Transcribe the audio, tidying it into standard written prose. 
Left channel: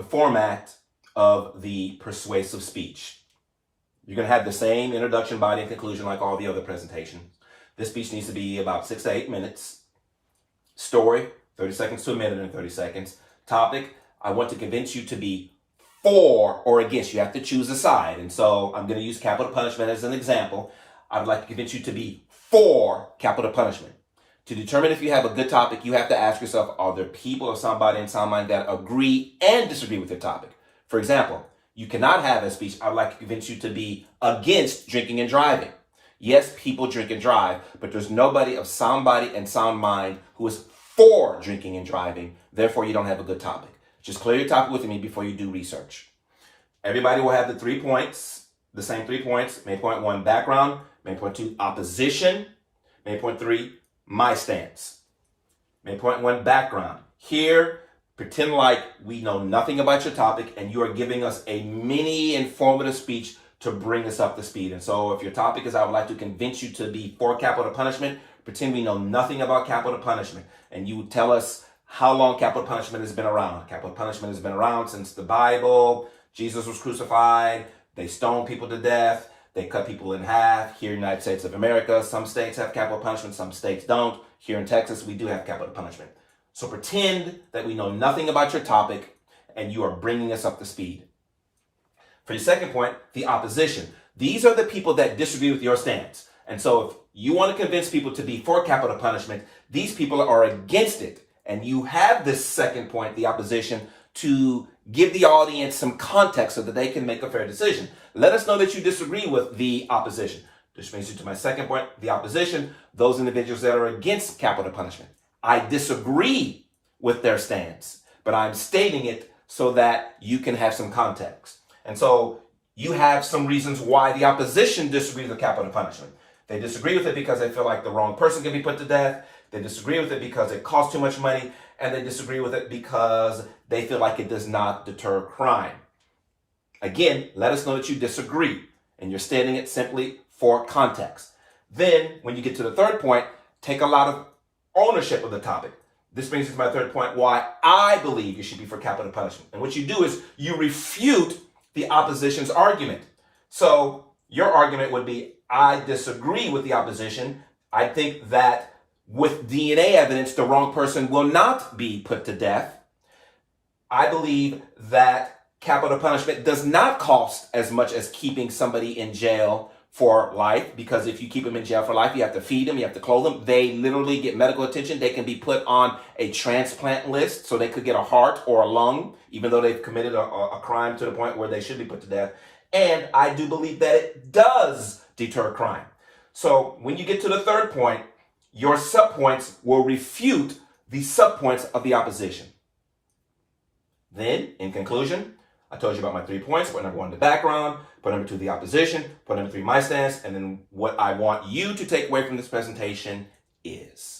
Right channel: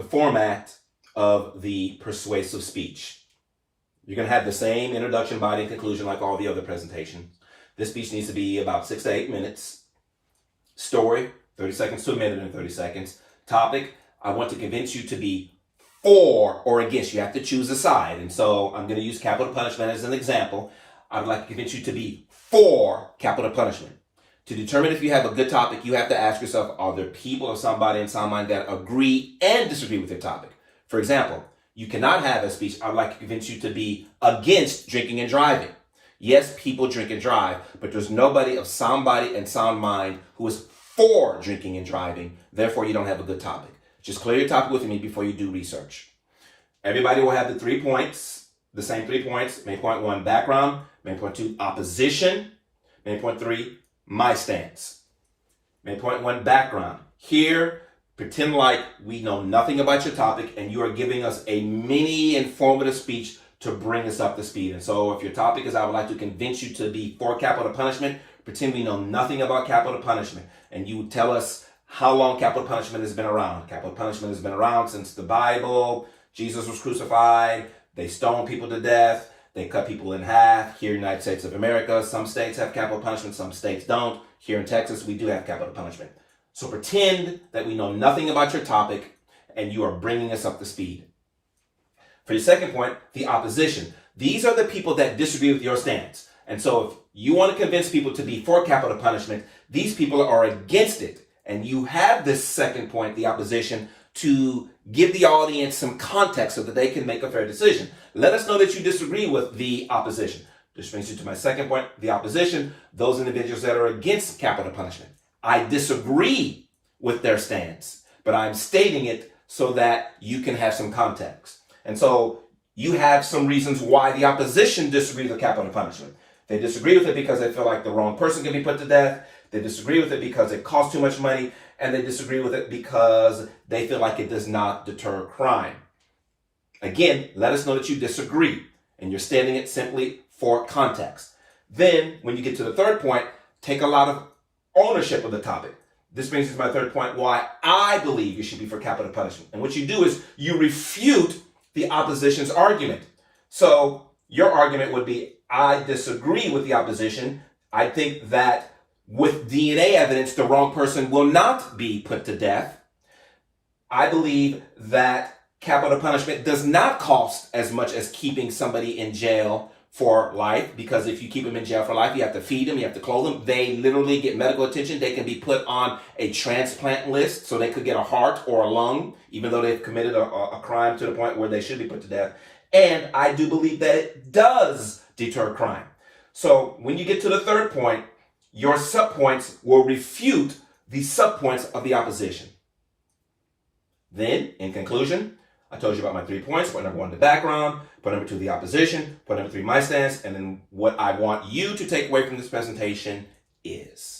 the format of the persuasive speech. You're going to have the same introduction, body, and conclusion like all the other presentations. This speech needs to be about 6 to 8 minutes. Story, 30 seconds to a minute and 30 seconds. Topic, I want to convince you to be for or against. You have to choose a side. And so I'm going to use capital punishment as an example. I would like to convince you to be for capital punishment. To determine if you have a good topic, you have to ask yourself, are there people or somebody in sound mind that agree and disagree with your topic? For example, you cannot have a speech, I'd like to convince you to be against drinking and driving. Yes, people drink and drive, but there's nobody of sound body and sound mind who is for drinking and driving. Therefore, you don't have a good topic. Just clear your topic with me before you do research. Everybody will have the 3 points, the same 3 points. Main point 1, background. Main point 2, opposition. Main point 3, my stance. Main point 1, background. Here, pretend like we know nothing about your topic and you are giving us a mini informative speech to bring us up to speed. And so if your topic is, I would like to convince you to be for capital punishment, pretend we know nothing about capital punishment. And you tell us how long capital punishment has been around. Capital punishment has been around since the Bible. Jesus was crucified. They stoned people to death. They cut people in half. Here in the United States of America, some states have capital punishment, some states don't. Here in Texas, we do have capital punishment. So pretend that we know nothing about your topic and you are bringing us up to speed. For your second point, the opposition. These are the people that disagree with your stance. And so if you want to convince people to be for capital punishment, these people are against it. And you have this second point, the opposition, to give the audience some context so that they can make a fair decision. Let us know that you disagree with the opposition. This brings you to my second point, the opposition, those individuals that are against capital punishment. I disagree with their stance, but I'm stating it so that you can have some context. And so you have some reasons why the opposition disagrees with capital punishment. They disagree with it because they feel like the wrong person can be put to death. They disagree with it because it costs too much money. And they disagree with it because they feel like it does not deter crime. Again, let us know that you disagree. And you're stating it simply for context. Then, when you get to the third point, take a lot of ownership of the topic. This brings us to my third point, why I believe you should be for capital punishment. And what you do is you refute the opposition's argument. So your argument would be, I disagree with the opposition. I think that with DNA evidence, the wrong person will not be put to death. I believe that capital punishment does not cost as much as keeping somebody in jail for life, because if you keep them in jail for life, you have to feed them, you have to clothe them. They literally get medical attention. They can be put on a transplant list, so they could get a heart or a lung, even though they've committed a crime to the point where they should be put to death. And I do believe that it does deter crime. So when you get to the third point, your subpoints will refute the subpoints of the opposition. Then, in conclusion, I told you about my 3 points. Point number 1, the background. Point number 2, the opposition. Point number 3, my stance. And then what I want you to take away from this presentation is